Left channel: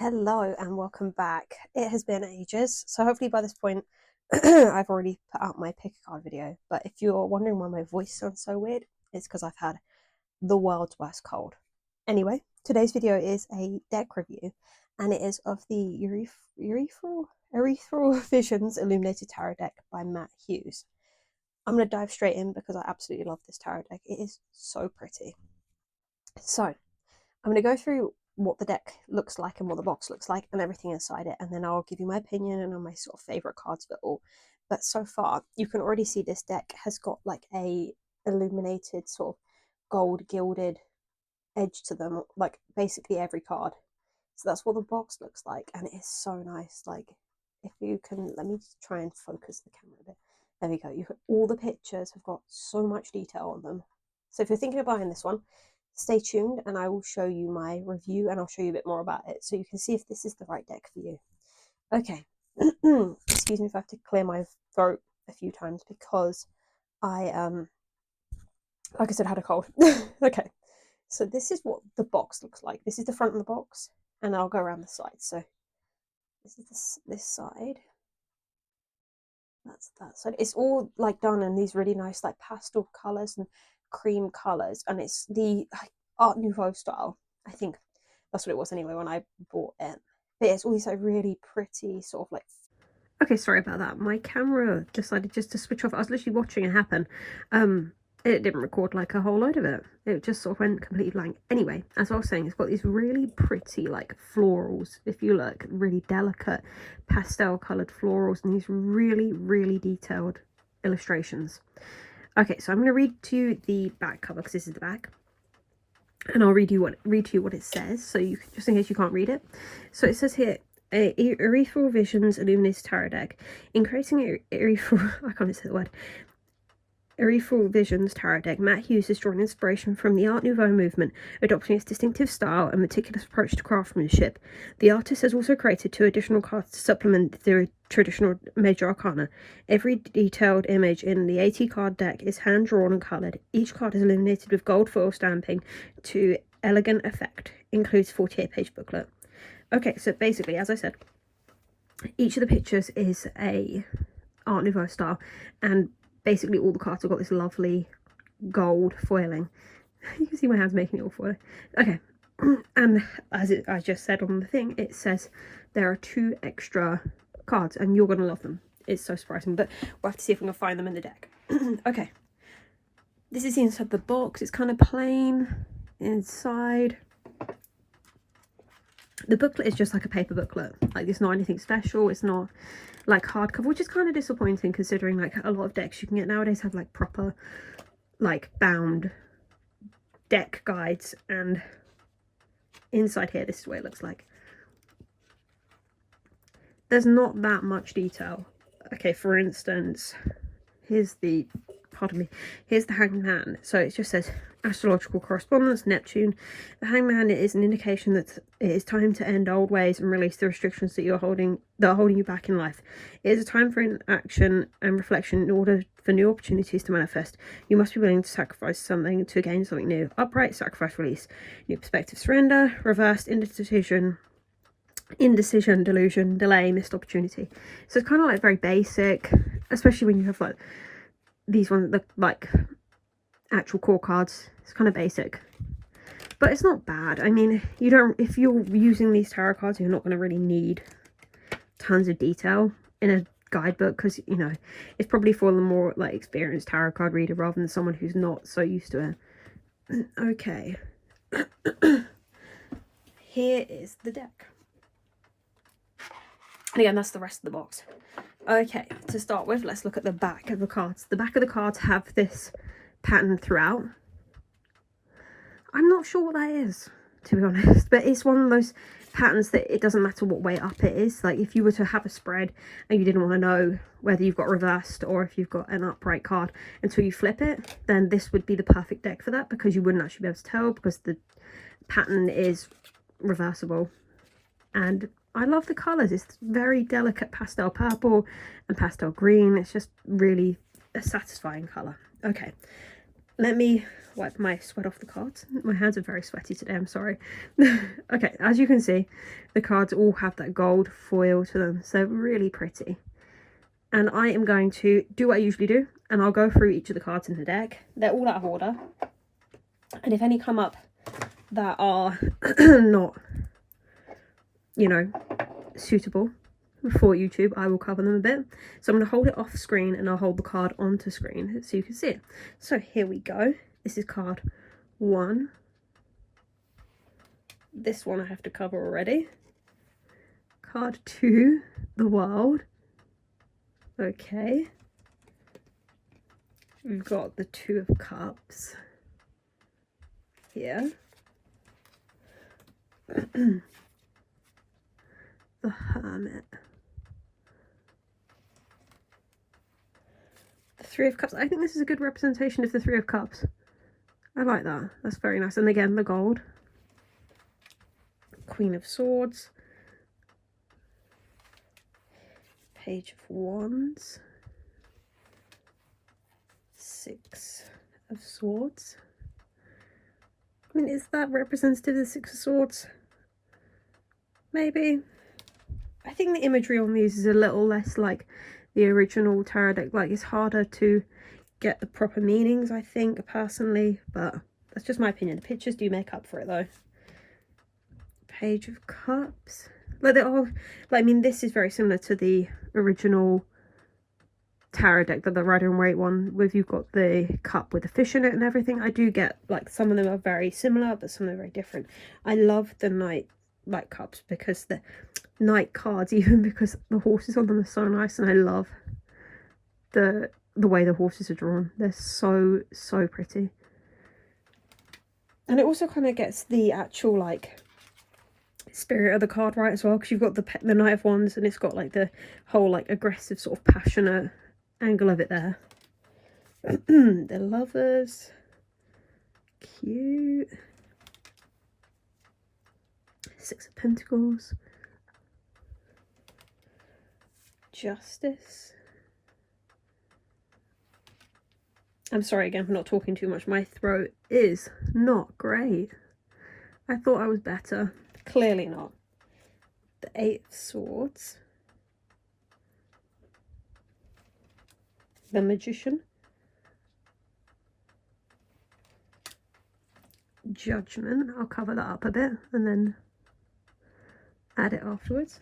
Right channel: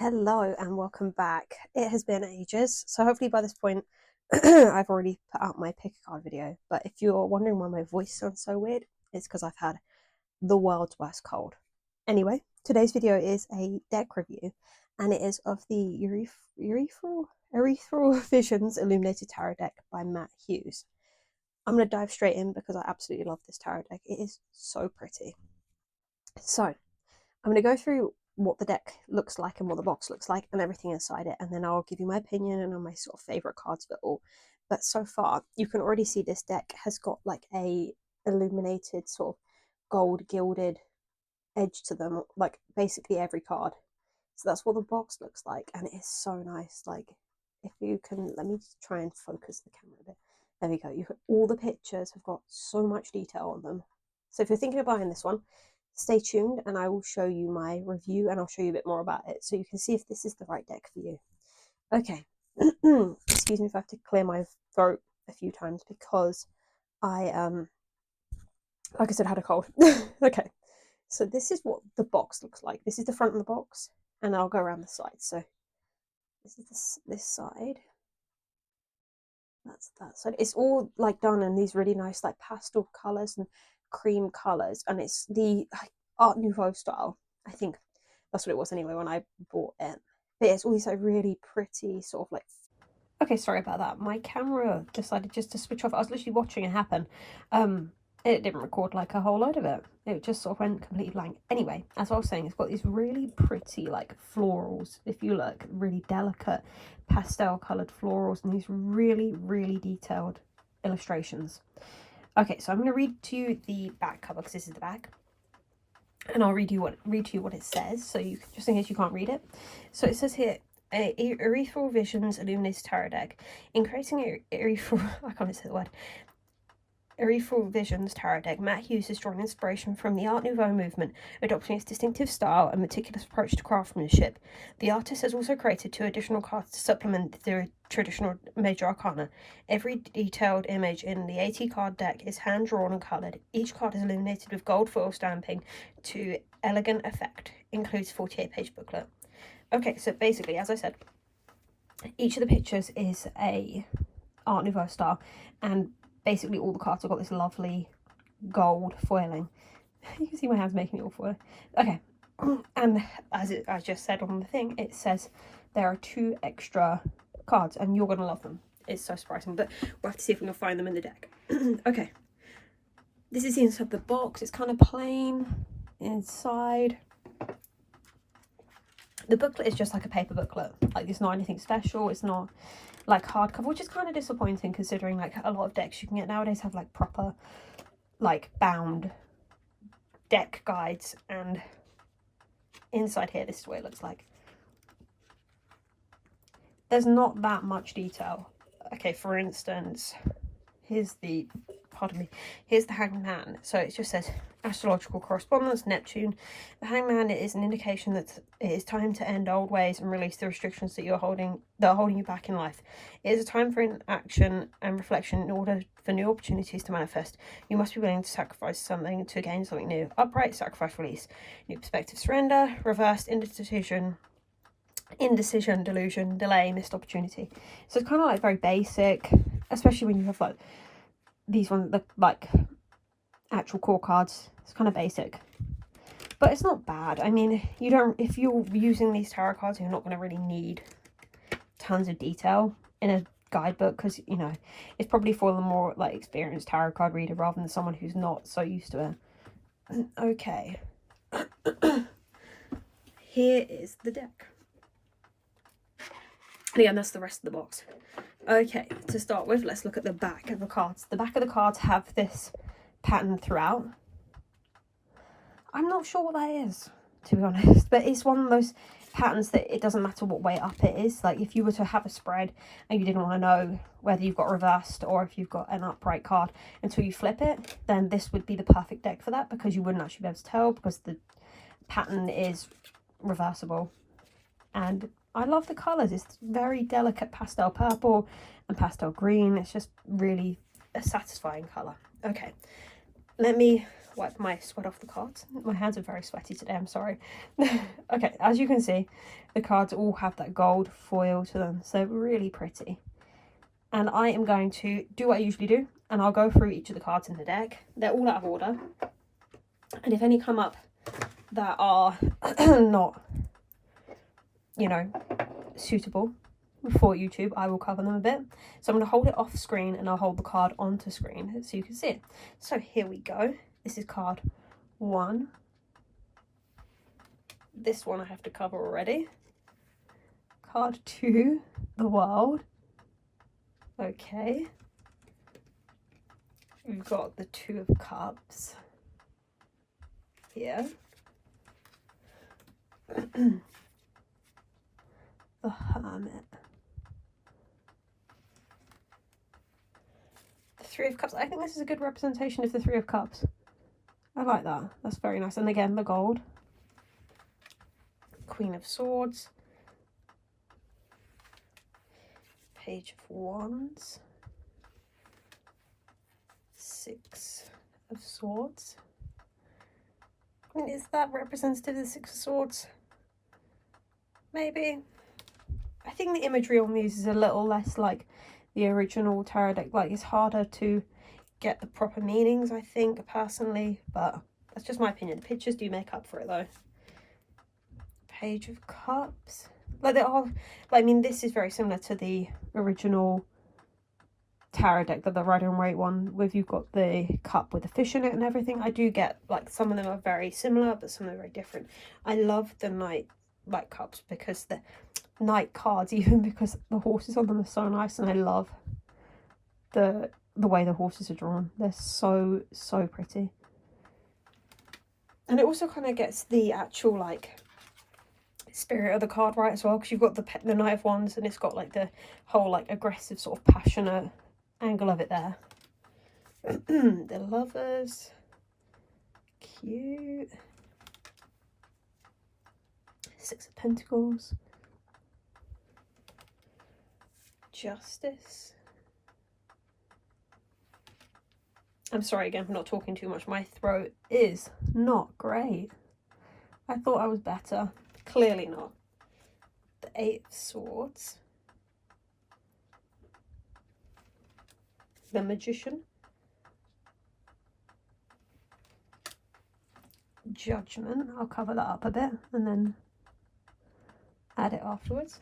Hello and welcome back. It has been ages, so hopefully by this point I've already put out my pick a card video. But if you're wondering why my voice sounds so weird, it's because I've had the world's worst cold. Anyway, today's video is a deck review, and it is of the Ethereal Visions Illuminated Tarot deck by Matt Hughes. I'm going to dive straight in because I absolutely love this tarot deck. It is so pretty. So, I'm going to go through what the deck looks like and what the box looks like and everything inside it, and then I'll give you my opinion and on my sort of favorite cards of it all. But so far you can already see this deck has got like a illuminated sort of gold gilded edge to them, like basically every card. So that's what the box looks like, and it is so nice. Like, if you can, let me just try and focus the camera a bit. There we go. All the pictures have got so much detail on them. So if you're thinking of buying this one, stay tuned and I will show you my review and I'll show you a bit more about it so you can see if this is the right deck for you. Okay. Excuse me if I have to clear my throat a few times because I like I said, had a cold. Okay, so this is what the box looks like. This is the front of the box, and I'll go around the side. So this is this side, that's that side. It's all like done in these really nice like pastel colors and cream colors, and it's the like Art Nouveau style. I think that's what it was anyway when I bought it. But it's all these like really pretty sort of like. Okay, sorry about that. My camera decided just to switch off. I was literally watching it happen. It didn't record like a whole load of it. It just sort of went completely blank. Anyway, as I was saying, it's got these really pretty like florals. If you look, really delicate pastel coloured florals and these really, really detailed illustrations. Okay, so I'm going to read to you the back cover because this is the back. And I'll read to you what it says, so you just in case you can't read it. So it says here, Ethereal Visions Illuminated Tarot deck, increasing Ethereal. I can't say the word. Ethereal Visions Tarot deck. Matt Hughes is drawing inspiration from the Art Nouveau movement, adopting its distinctive style and meticulous approach to craftsmanship. The artist has also created 2 additional cards to supplement the traditional major arcana. Every detailed image in the 80 card deck is hand drawn and coloured. Each card is illuminated with gold foil stamping to elegant effect. Includes 48-page booklet. Okay, so basically, as I said, each of the pictures is a Art Nouveau style, and basically all the cards have got this lovely gold foiling. You can see my hands making it all foiling. Okay, and as I just said on the thing, it says there are 2 extra cards and you're going to love them. It's so surprising, but we'll have to see if we can find them in the deck. Okay, this is the inside of the box. It's kind of plain inside. The booklet is just like a paper booklet. Like, it's not anything special. It's not like hardcover, which is kind of disappointing considering like a lot of decks you can get nowadays have like proper like bound deck guides. And inside here, this is what it looks like. There's not that much detail. Okay, for instance, here's the Hanged Man. So it just says astrological correspondence, Neptune. The Hanged Man is an indication that it is time to end old ways and release the restrictions that are holding you back in life. It is a time for inaction and reflection in order for new opportunities to manifest. You must be willing to sacrifice something to gain something new. Upright, sacrifice, release. New perspective, surrender. Reversed, indecision, delusion, delay, missed opportunity. So it's kind of like very basic, especially when you have like these ones, the like actual core cards. It's kind of basic, but it's not bad. I mean, you don't, if you're using these tarot cards, you're not going to really need tons of detail in a guidebook, because you know it's probably for the more like experienced tarot card reader rather than someone who's not so used to it. Okay. Here is the deck. And again, that's the rest of the box. Okay, to start with, let's look at the back of the cards. The back of the cards have this pattern throughout. I'm not sure what that is, to be honest, but it's one of those patterns that it doesn't matter what way up it is. Like, if you were to have a spread and you didn't want to know whether you've got reversed or if you've got an upright card until you flip it, then this would be the perfect deck for that, because you wouldn't actually be able to tell because the pattern is reversible. And I love the colours. It's very delicate pastel purple and pastel green. It's just really a satisfying colour. Okay, let me wipe my sweat off the cards. My hands are very sweaty today, I'm sorry. Okay, as you can see, the cards all have that gold foil to them, so really pretty. And I am going to do what I usually do, and I'll go through each of the cards in the deck. They're all out of order, and if any come up that are not, you know, suitable for YouTube, I will cover them a bit. So I'm going to hold it off screen and I'll hold the card onto screen so you can see it. So here we go. This is card 1. This one I have to cover already. Card 2, the world. Okay. We've got the 2 of cups here. The hermit. The 3 of cups. I think this is a good representation of the 3 of cups. I like that. That's very nice. And again, the gold. Queen of swords. Page of wands. 6 of swords. I mean, is that representative of the 6 of swords? Maybe. I think the imagery on these is a little less like the original tarot deck. Like, it's harder to get the proper meanings, I think, personally, but that's just my opinion. The pictures do make up for it though. Page of cups. Like, they are, like, I mean, this is very similar to the original tarot deck, that the Rider and Waite one, with you've got the cup with the fish in it and everything. I do get, like, some of them are very similar, but some of them are very different. I love the Knight like cups because the Knight cards, even because the horses on them are so nice, and I love the way the horses are drawn. They're so pretty, and it also kind of gets the actual like spirit of the card right as well, because you've got the Knight of Wands, and it's got like the whole like aggressive sort of passionate angle of it there. The lovers, cute. 6 of Pentacles. Justice. I'm sorry again for not talking too much. My throat is not great. I thought I was better. Clearly not. The 8 of Swords. The Magician. Judgment. I'll cover that up a bit and then add it afterwards.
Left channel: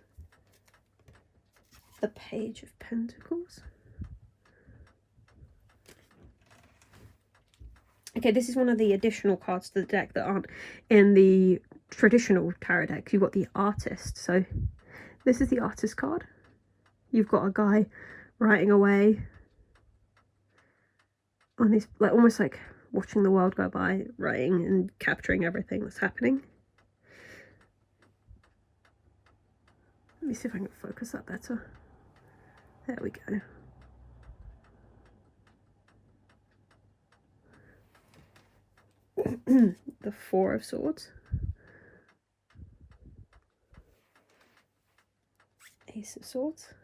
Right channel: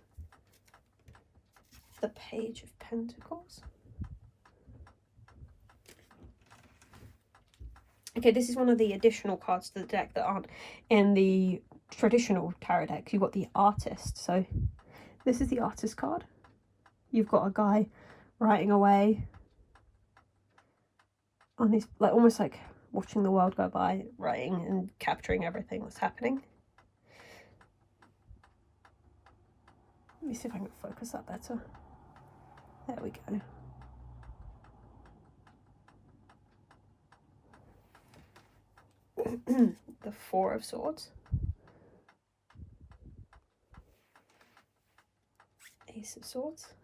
The Page of Pentacles. Okay, this is one of the additional cards to the deck that aren't in the traditional tarot deck. You've got the Artist. So this is the Artist card. You've got a guy writing away on his, like, almost like watching the world go by, writing and capturing everything that's happening. Let me see if I can focus that better. There we go. The 4 of Swords. Ace of Swords.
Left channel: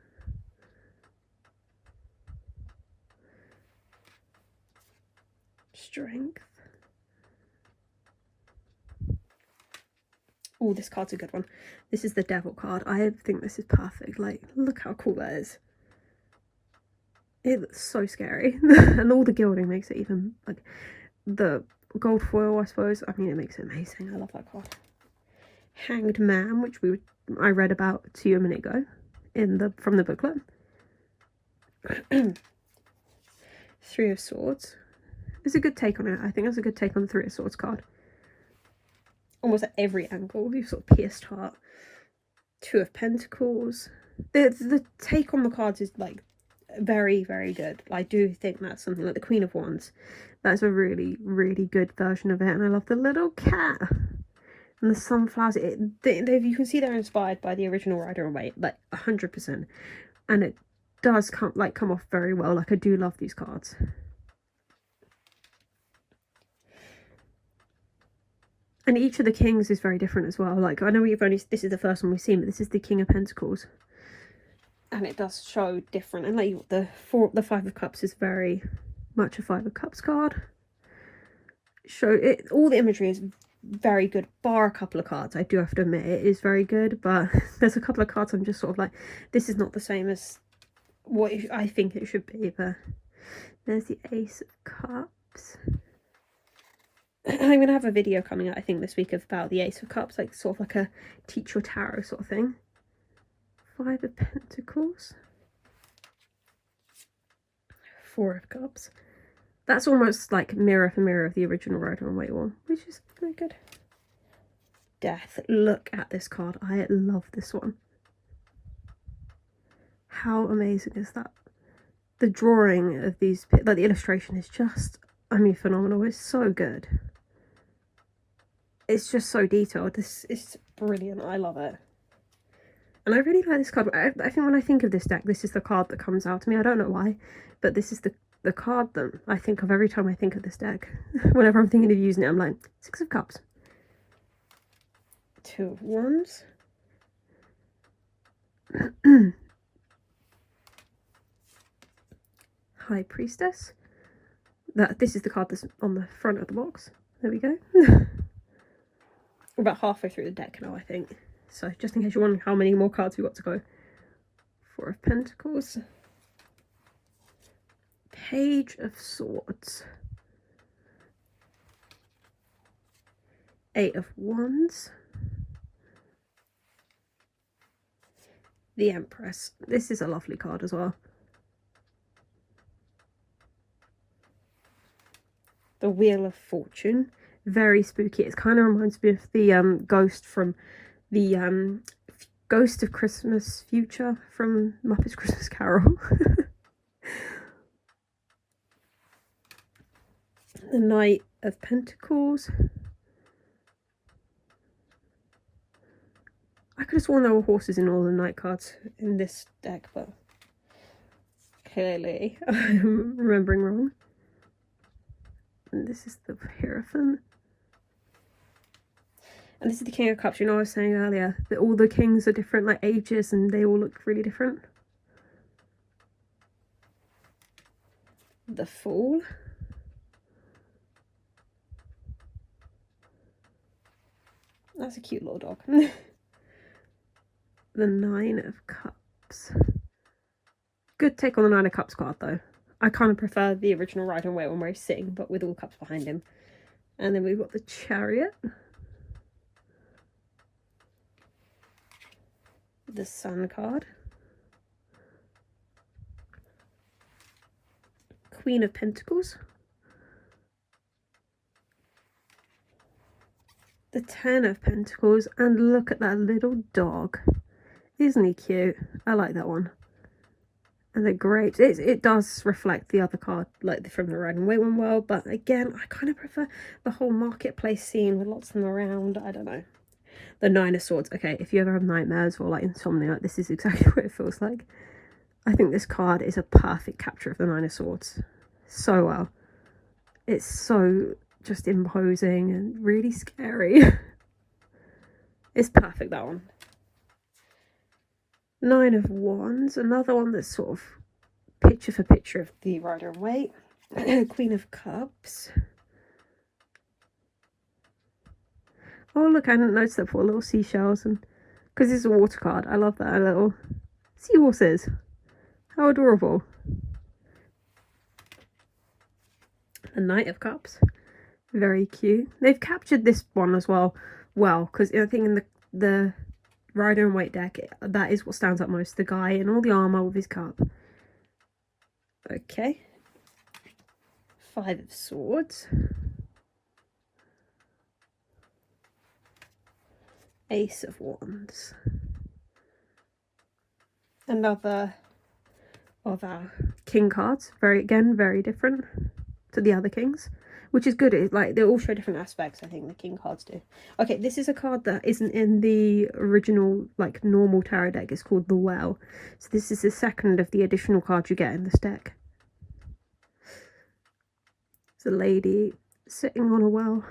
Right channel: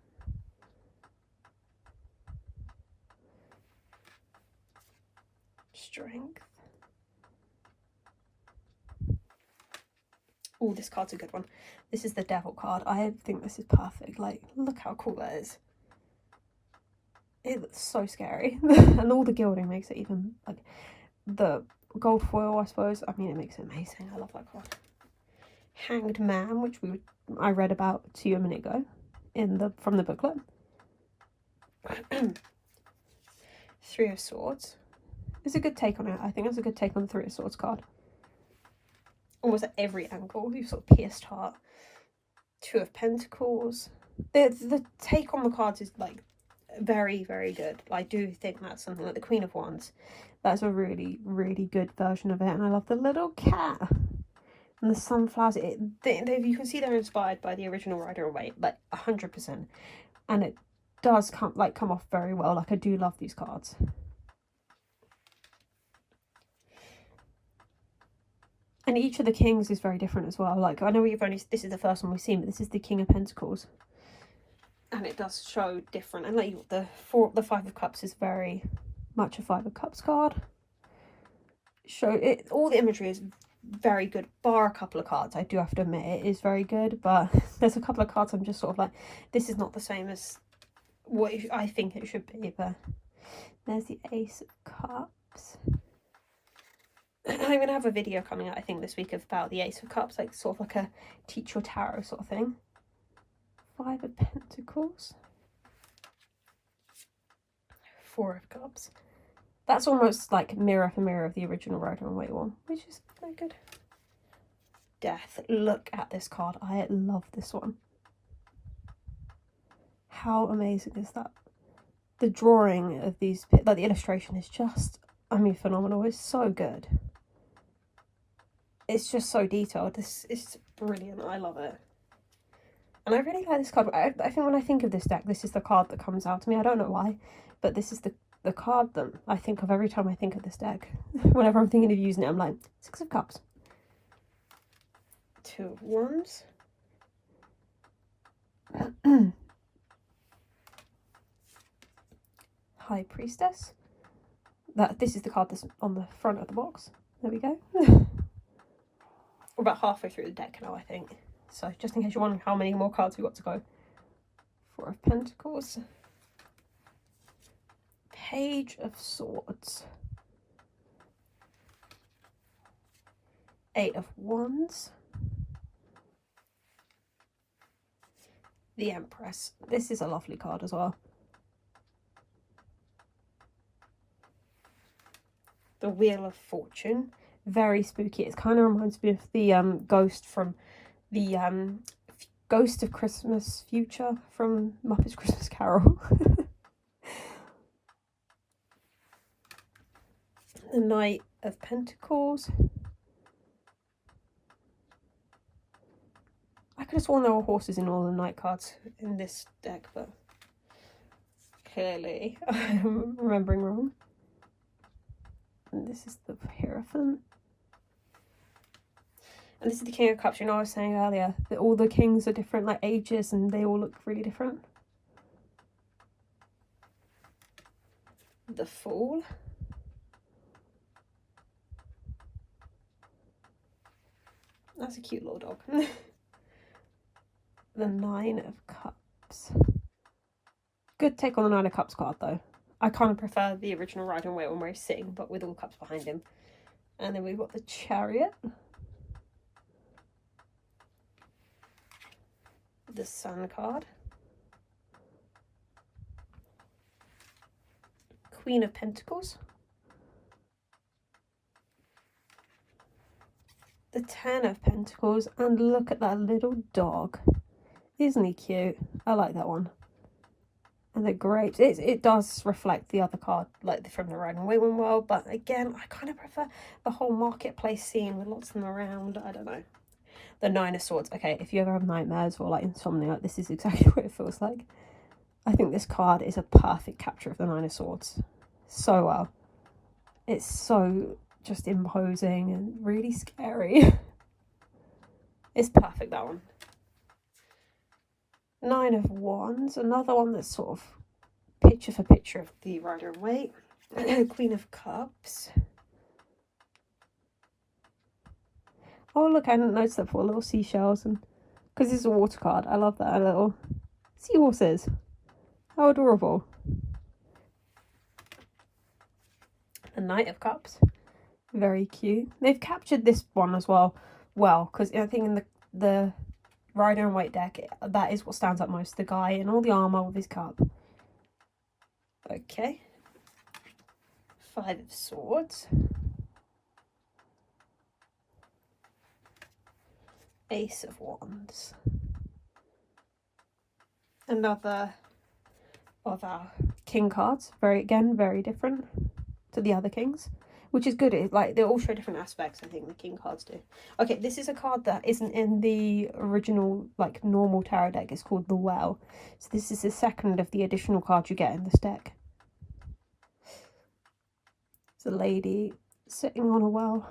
Strength. Oh, this card's a good one. This is the Devil card. I think this is perfect. Like, look how cool that is. It looks so scary. And all the gilding makes it even, like, the gold foil, I suppose. I mean, it makes it amazing. I love that card. Hanged Man, which I read about to you a minute ago from the booklet. 3 of Swords. It's a good take on it. I think it's a good take on the 3 of Swords card. Almost at every angle. You've sort of pierced heart. 2 of Pentacles. The take on the cards is like very good. I do think that's something like the Queen of Wands. That's a really good version of it. And I love the little cat and the sunflowers. You can see they're inspired by the original Rider and Waite, like 100%. And it does come off very well. Like, I do love these cards. And each of the kings is very different as well. Like, I know this is the first one we've seen, but this is the King of Pentacles. And it does show different. And like the 5 of Cups is very much a 5 of Cups card. show it. All the imagery is very good, bar a couple of cards. I do have to admit it is very good, but there's a couple of cards I'm just sort of like, this is not the same as what I think it should be. But there's the Ace of Cups. I'm going to have a video coming out, I think, this week about the Ace of Cups, like sort of like a teach your tarot sort of thing. Five of Pentacles. Four of Cups. That's almost like mirror for mirror of the original Rider and Waite one, which is very good. Death. Look at this card. I love this one. How amazing is that? The drawing of these, like the illustration is just, I mean, phenomenal. It's so good. It's just so detailed. This is brilliant. I love it. And I really like this card. I think when I think of this deck, this is the card that comes out to me. I don't know why, but this is the card that I think of every time I think of this deck. Whenever I'm thinking of using it, I'm like, Six of Cups. Two of Wands. High Priestess. This is the card that's on the front of the box. There we go. We're about halfway through the deck now, I think. So just in case you're wondering how many more cards we've got to go. Four of Pentacles. Page of Swords. Eight of Wands. The Empress. This is a lovely card as well. The Wheel of Fortune. Very spooky. It kind of reminds me of the ghost from the Ghost of Christmas Future from Muppets Christmas Carol. The Knight of Pentacles. I could have sworn there were horses in all the Knight cards in this deck, but clearly I'm remembering wrong. And this is the Hierophant. And this is the King of Cups. You know, I was saying earlier that all the kings are different, like ages, and they all look really different. The Fool. That's a cute little dog. The Nine of Cups. Good take on the Nine of Cups card, though. I kind of prefer the original Rider and Waite one where he's sitting, but with all cups behind him. And then we've got the Chariot. The Sun card. Queen of Pentacles. The Ten of Pentacles. And look at that little dog. Isn't he cute? I like that one. And the Grapes. It does reflect the other card, like from the Rider and Waite one well, but again, I kind of prefer the whole marketplace scene with lots of them around. I don't know. The Nine of Swords. Okay, if you ever have nightmares or like insomnia, this is exactly what it feels like. I think this card is a perfect capture of the Nine of Swords. So well. It's so just imposing and really scary. It's perfect, that one. Nine of Wands. Another one that's sort of picture for picture of the Rider and Waite. Queen of Cups. Oh look, I didn't notice that before. Little seashells, and because it's a water card, I love that. Little seahorses. How adorable. The Knight of Cups. Very cute. They've captured this one as well, because I think in the Rider and Waite deck, that is what stands out most. The guy in all the armour with his cup. Okay. Five of Swords. Ace of Wands. Another of our king cards. Very different to the other kings, which is good. Like they all show different aspects. I think the king cards do. Okay, this is a card that isn't in the original like normal tarot deck. It's called the Well. So this is the second of the additional cards you get in this deck. It's a lady sitting on a well.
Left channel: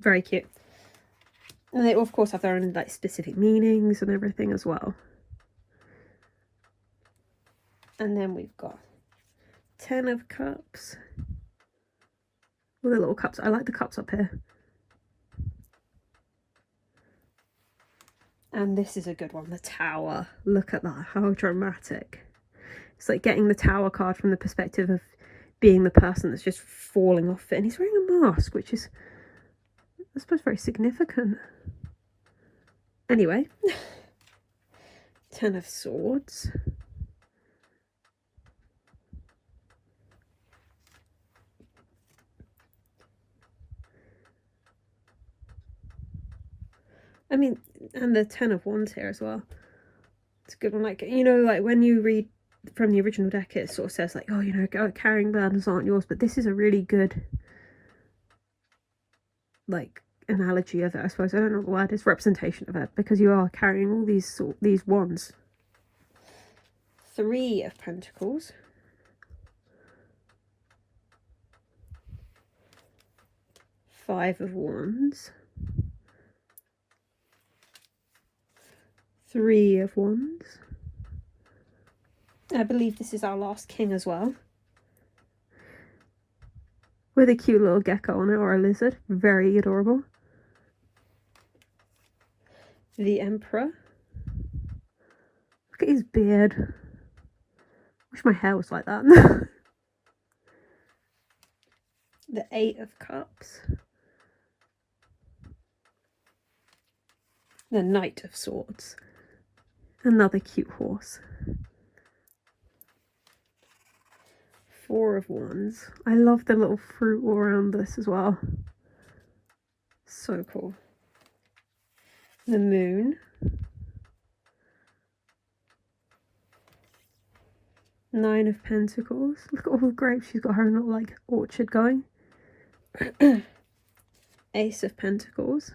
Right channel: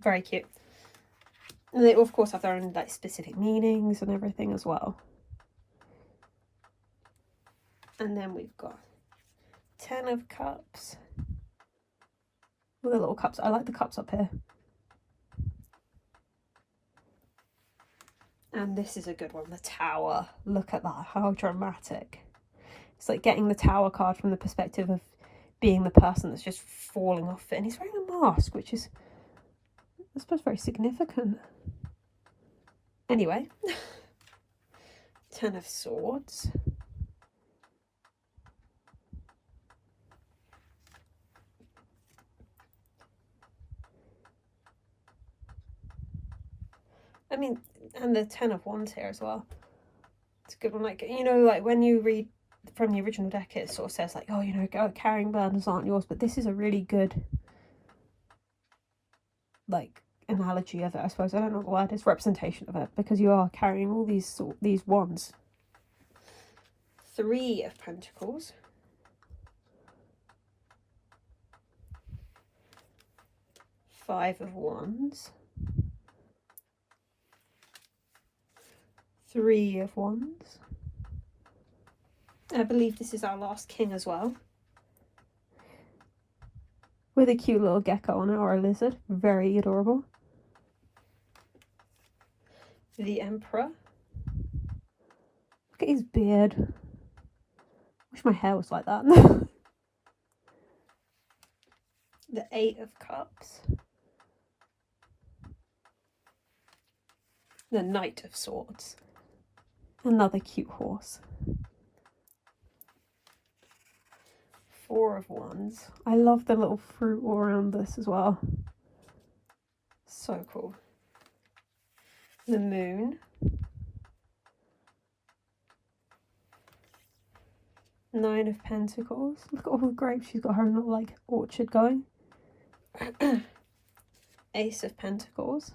Very cute. And they of course have their own like specific meanings and everything as well. And then we've got Ten of Cups. With the little cups. I like the cups up here. And this is a good one, the Tower. Look at that, how dramatic. It's like getting the Tower card from the perspective of being the person that's just falling off it. And he's wearing a mask, which is, I suppose, very significant. Anyway. Ten of Swords. I mean, and the Ten of Wands here as well. It's a good one. Like, you know, like when you read from the original deck, it sort of says like, oh, you know, carrying burdens aren't yours. But this is a really good, like, analogy of it, I suppose. I don't know what word is, representation of it, because you are carrying all these wands. Three of Pentacles. Five of Wands. Three of Wands. I believe this is our last king as well. With a cute little gecko on it, or a lizard. Very adorable. The Emperor. Look at his beard. Wish my hair was like that. The Eight of Cups. The Knight of Swords. Another cute horse. Four of Wands. I love the little fruit all around this as well. So cool. The Moon. Nine of Pentacles. Look at all the grapes. She's got her little like orchard going. Ace of Pentacles.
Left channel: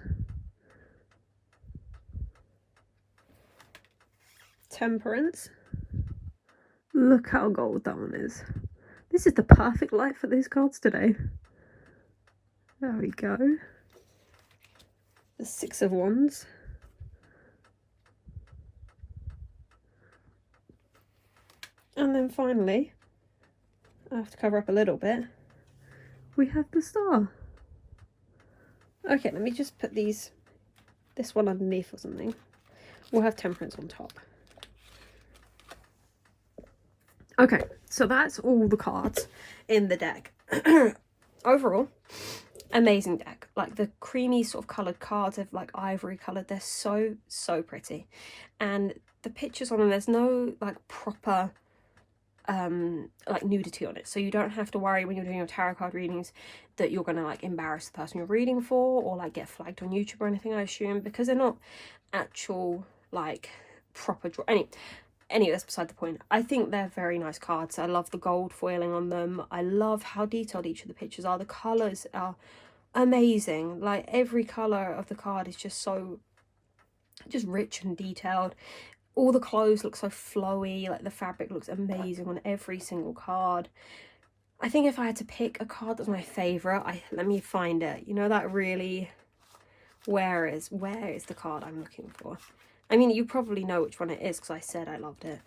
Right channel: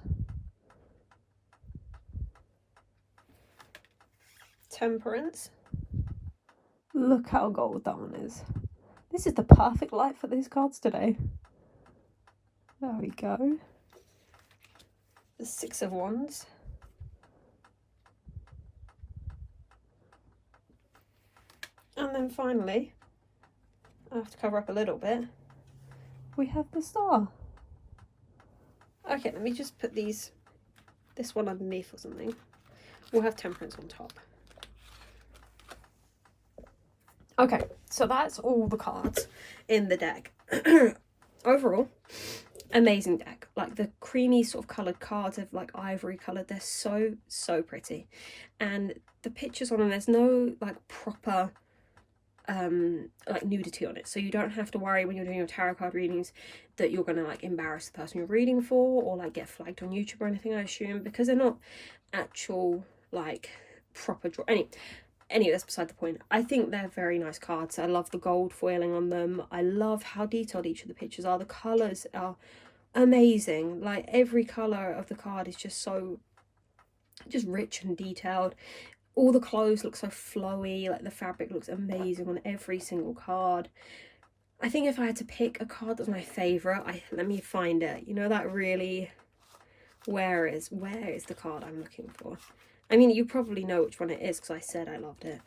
Temperance. Look how gold that one is. This is the perfect light for these cards today. There we go. The Six of Wands. And then finally, I have to cover up a little bit, we have the Star. Okay, let me just put this one underneath or something. We'll have Temperance on top. Okay, so that's all the cards in the deck. Overall, amazing deck. Like the creamy sort of coloured cards of like ivory coloured. They're so pretty. And the pictures on them, there's no like proper like nudity on it. So you don't have to worry when you're doing your tarot card readings that you're going to like embarrass the person you're reading for or like get flagged on YouTube or anything, I assume, because they're not actual like proper draw. Anyway, that's beside the point. I think they're very nice cards. I love the gold foiling on them. I love how detailed each of the pictures are. The colours are amazing. Like every colour of the card is just so rich and detailed. All the clothes look so flowy. Like the fabric looks amazing on every single card. I think if I had to pick a card that's my favourite, let me find it. You know that really, where is the card I'm looking for? I mean, you probably know which one it is because I said I loved it.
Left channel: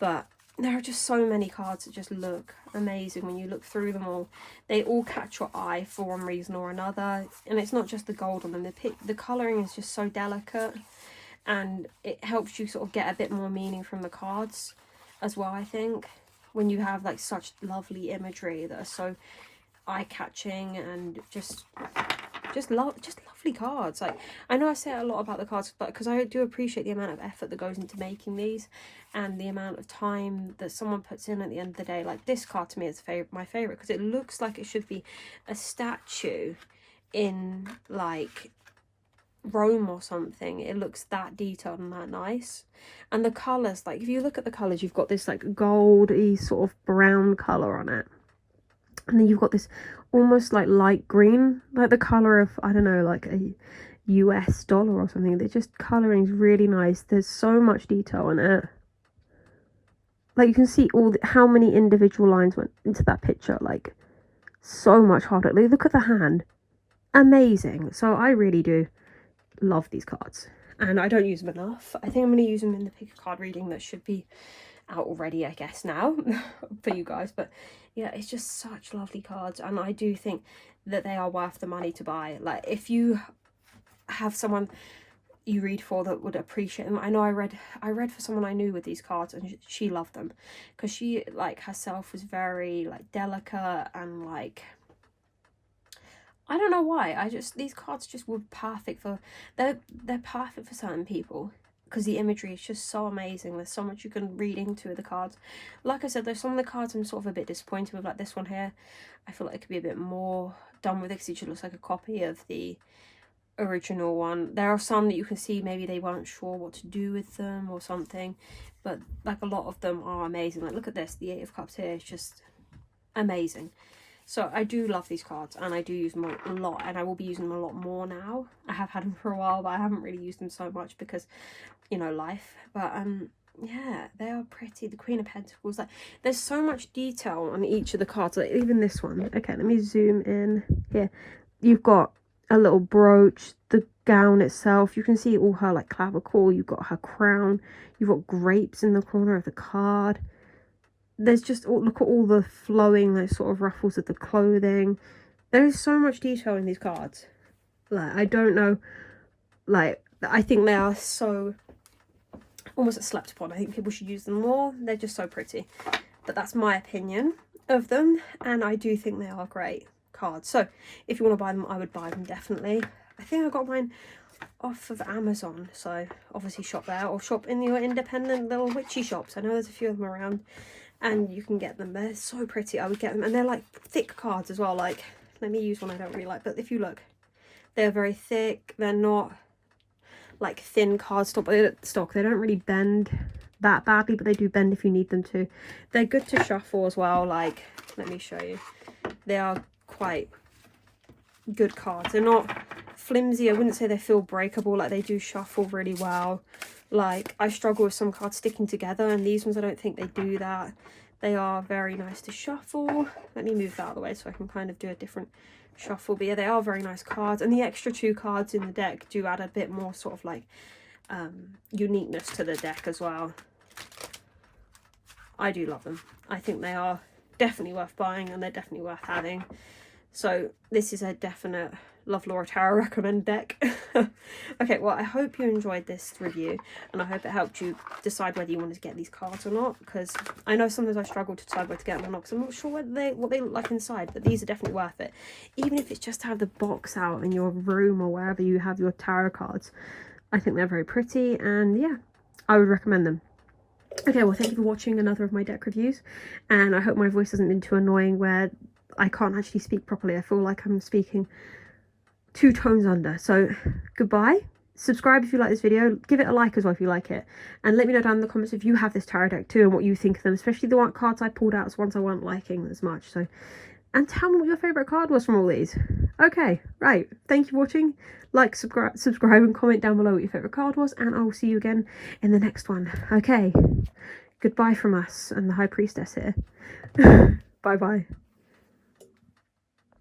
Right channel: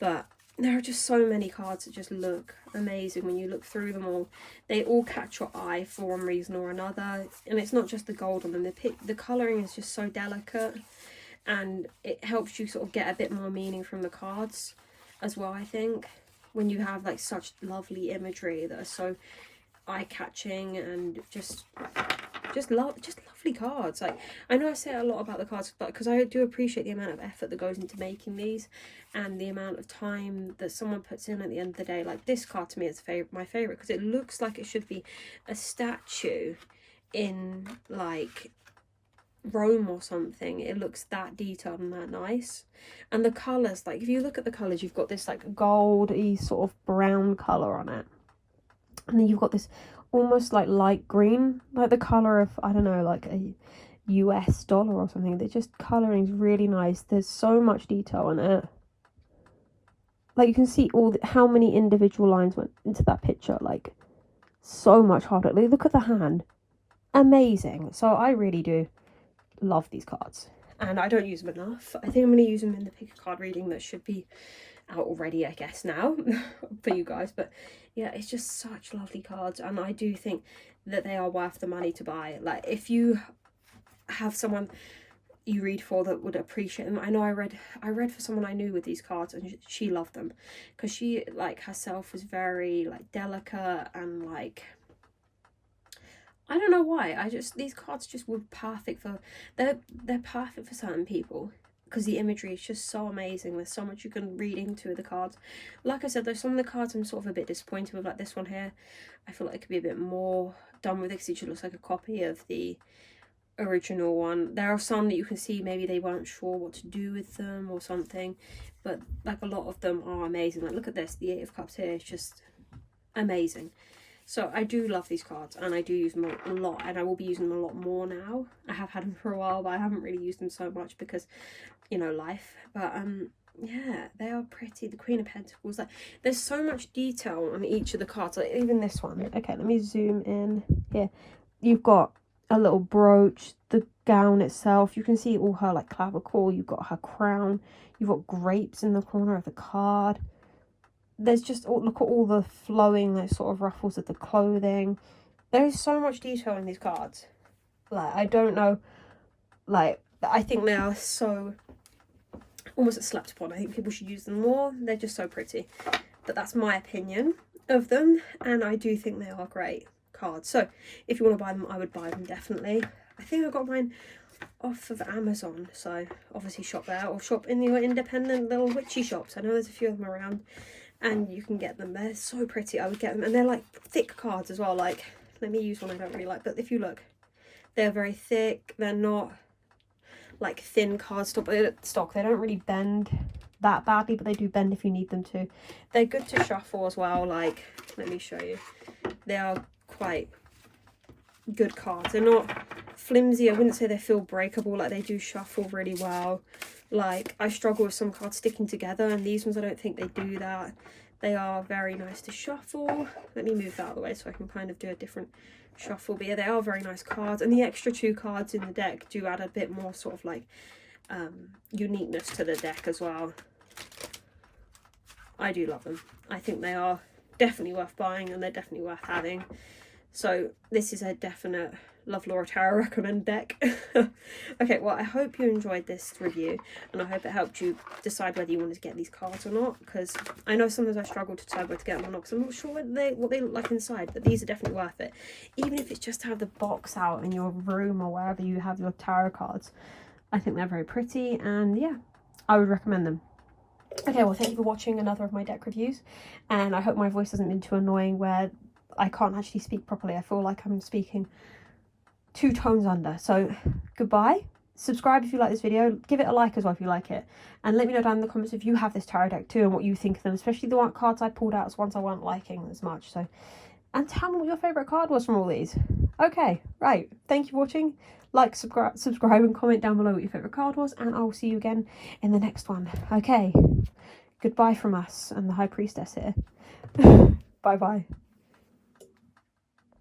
But there are just so many cards that just look amazing when you look through them all. They all catch your eye for one reason or another. And it's not just the gold on them. The colouring is just so delicate. And it helps you sort of get a bit more meaning from the cards as well, I think. When you have like such lovely imagery that are so eye-catching and just lovely cards. Like, I know I say a lot about the cards, but because I do appreciate the amount of effort that goes into making these and the amount of time that someone puts in at the end of the day. Like this card to me is my favorite because it looks like it should be a statue in like Rome or something. It looks that detailed and that nice. And the colors, like if you look at the colors, you've got this like goldy sort of brown color on it, and then you've got this almost like light green, like the color of, I don't know, like a US dollar or something. They're just coloring is really nice. There's so much detail in it. Like you can see how many individual lines went into that picture. Like so much harder. Like, look at the hand. Amazing. So I really do love these cards. and I don't use them enough. I think I'm going to use them in the pick a card reading that should be out already, I guess, now for you guys. But yeah, it's just such lovely cards, and I do think that they are worth the money to buy. Like, if you have someone you read for that would appreciate them. I know I read for someone I knew with these cards, and she loved them because she, like, herself was very, like, delicate, and, like, I don't know why, these cards just were perfect for, they're perfect for certain people because the imagery is just so amazing. There's so much you can read into the cards. Like I said, there's some of the cards I'm sort of a bit disappointed with, like this one here. I feel like it could be a bit more done with it because it just looks like a copy of the original one. There are some that you can see maybe they weren't sure what to do with them or something, but like a lot of them are amazing. Like, look at this, the 8 of Cups here is just amazing. So I do love these cards, and I do use them a lot, and I will be using them a lot more now. I have had them for a while, but I haven't really used them so much because, you know, life. But yeah, they are pretty. The Queen of Pentacles, like, there's so much detail on each of the cards, like even this one. Okay, let me zoom in here. You've got a little brooch, the gown itself, you can see all her, like, clavicle, you've got her crown, you've got grapes in the corner of the card. There's just, look at all the flowing, like, sort of ruffles of the clothing. There is so much detail in these cards. Like, I don't know, like, I think they are so almost slept upon. I think people should use them more. They're just so pretty. But that's my opinion of them, and I do think they are great cards. So if you want to buy them, I would buy them, definitely. I think I got mine off of Amazon, so obviously shop there, or shop in your independent little witchy shops. I know there's a few of them around, and you can get them. They're so pretty. I would get them, and they're like thick cards as well. Like, let me use one I don't really like, but if you look, they're very thick. They're not like thin cardstock. They don't really bend that badly, but they do bend if you need them to. They're good to shuffle as well. Like, let me show you. They are quite good cards. They're not flimsy. I wouldn't say they feel breakable. Like, they do shuffle really well. Like, I struggle with some cards sticking together, and these ones, I don't think they do that. They are very nice to shuffle. Let me move that out of the way so I can kind of do a different shuffle. But yeah, they are very nice cards, and the extra 2 cards in the deck do add a bit more sort of like uniqueness to the deck as well. I do love them. I think they are definitely worth buying, and they're definitely worth having. So this is a definite Love Laura Tarot recommend deck. Okay, well, I hope you enjoyed this review, and I hope it helped you decide whether you wanted to get these cards or not, because I know sometimes I struggle to decide whether to get them or not, because I'm not sure what they look like inside, but these are definitely worth it. Even if it's just to have the box out in your room or wherever you have your tarot cards, I think they're very pretty, and yeah, I would recommend them. Okay, well, thank you for watching another of my deck reviews, and I hope my voice hasn't been too annoying where I can't actually speak properly. I feel like I'm speaking 2 tones under. So goodbye. Subscribe if you like this video. Give it a like as well if you like it, and let me know down in the comments if you have this tarot deck too and what you think of them, especially the one cards I pulled out as ones I weren't liking as much. So, and tell me what your favorite card was from all these. Okay, right, thank you for watching. Like, subscribe and comment down below what your favorite card was, and I'll see you again in the next one. Okay, goodbye from us and the High Priestess here. Bye bye.